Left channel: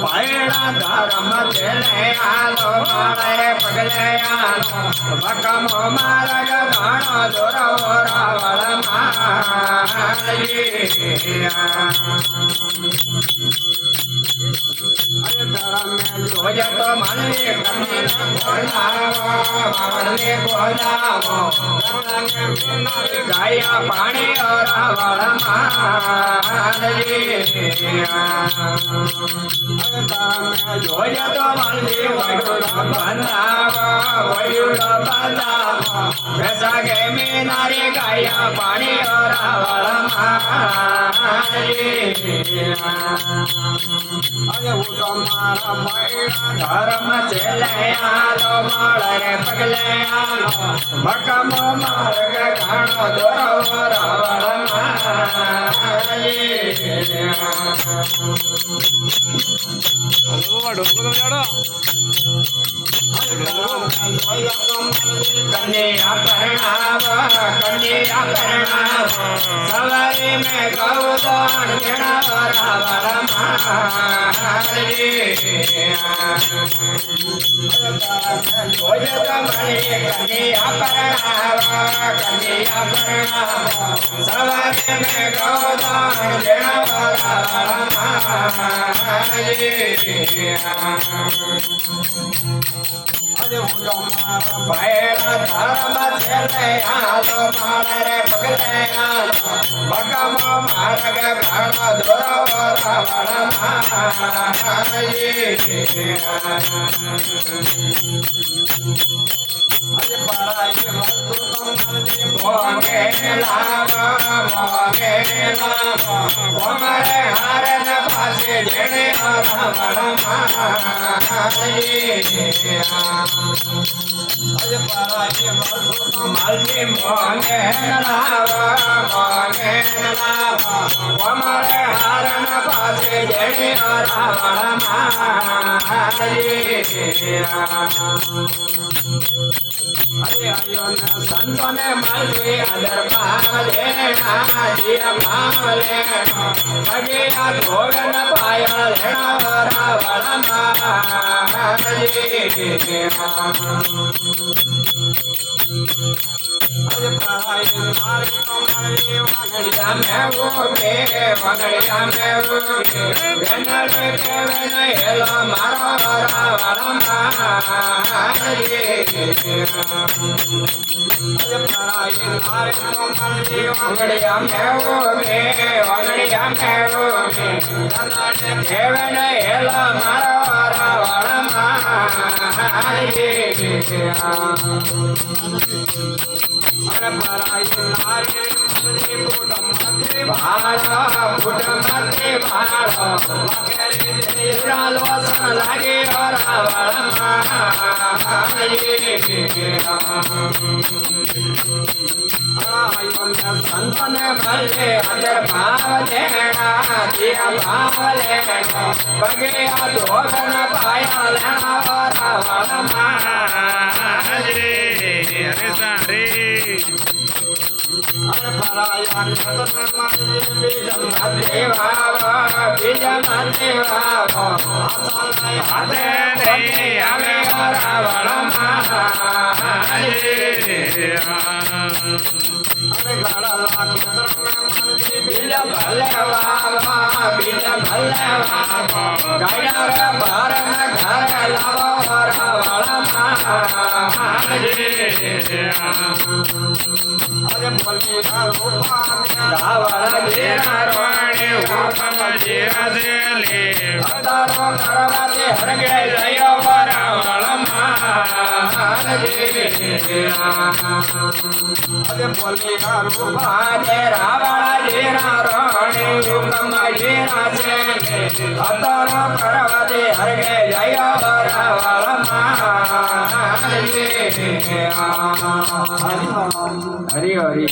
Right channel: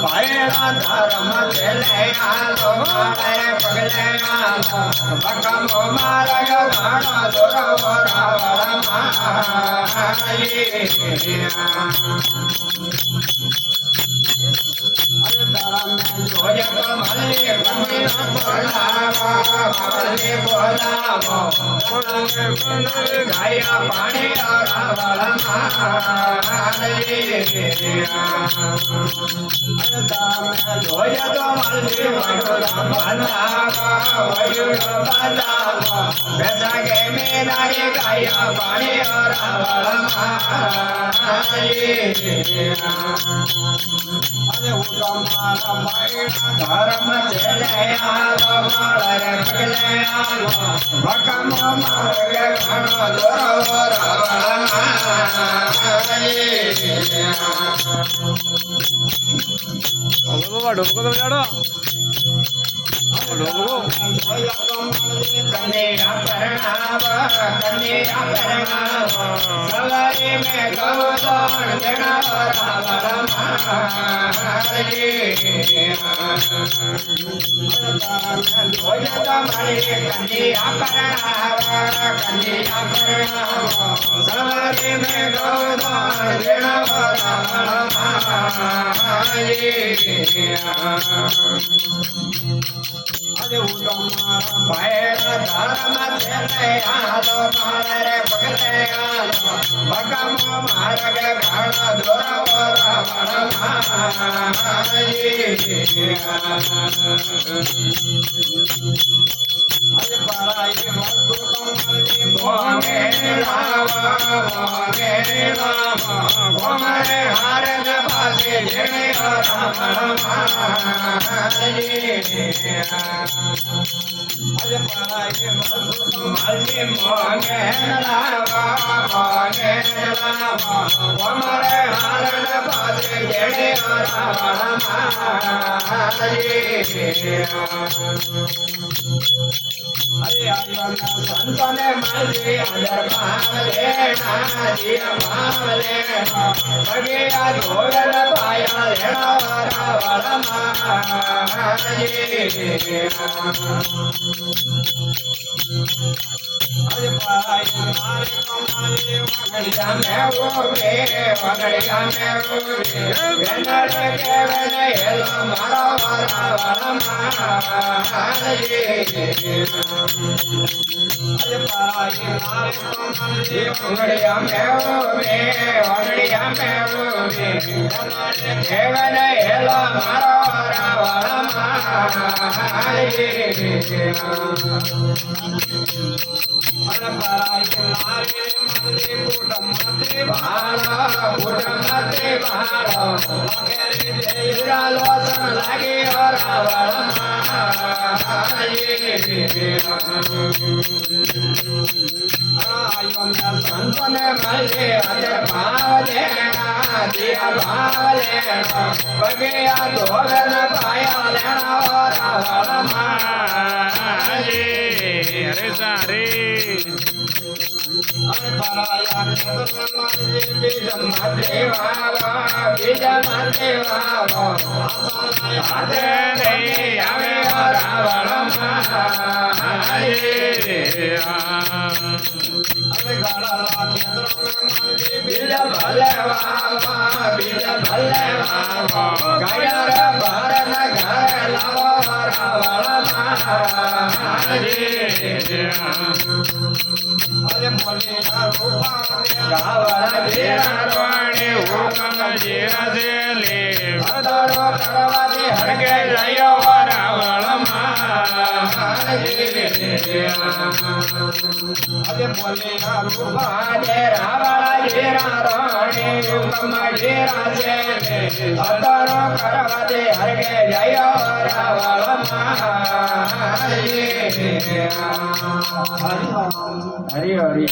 ભાઈના ધર્મ ચેલે આલો મારે પગલે આલો ભકમો માર્ગ ઘણો દોરો રાવણ જોય તો મને બોલાવો ગાયા પાણી રાવણ જોય તો મને રસાગે મીનારી ગાયા પાણી રાવણ મારા ભાઈના ધર્મ ચેલે આલો મારે પગલે આલો ભકમો માર્ગ ઘણો દોરો રાવણ કન્યા પરણાવ સવારે મેં ગૌદાન રાવણ સવારે મેં ગૌદાન ભાઈના ધર્મ ચેલે આલો મારે પગલે આલો ભકમો માર્ગ ઘણો દોરો રાવણ મોગે હાર પાસે જેને રાવણ માલજી મોગે મારે હારણ પાસે જેને રાવણ અરે આયો સંતને માલજી આદર પાલે દિયા પાલે અગે આ ધોગન પાયા લેણા રાવણ અરે ભાઈ મારે કમાલે વગડિયા મે ઓકે વગડિયા મે ઓકે વેનડે કેવન હેલો મારો રાવણ અરે ભાઈ મારે કમાલે વગડિયા મે ઓકે વગડિયા મે ઓકે વેનડે કેવન હેલો મારો રાવણ અરે ભાઈ નારી મદરી પુટમતે ભાળો લાગે રે લોસન લાગે રાવણ સંતને મળે અદર ભાવ લેણા દિયા ભાવ લેણો પગે આ ધોરણ પાયા લેણા રાવણ અરે સારે અરે બોલી રાવણ જેરવાણી હુકમ જેરલે અદારો કરવાથી હરગે જયો રાવણ અરે બોલી રૂપાજે રાવણ જેરાણી હુકમ જેરાજે અદારો કરવાથી હરગે જયો રાવણ હરિ હરિ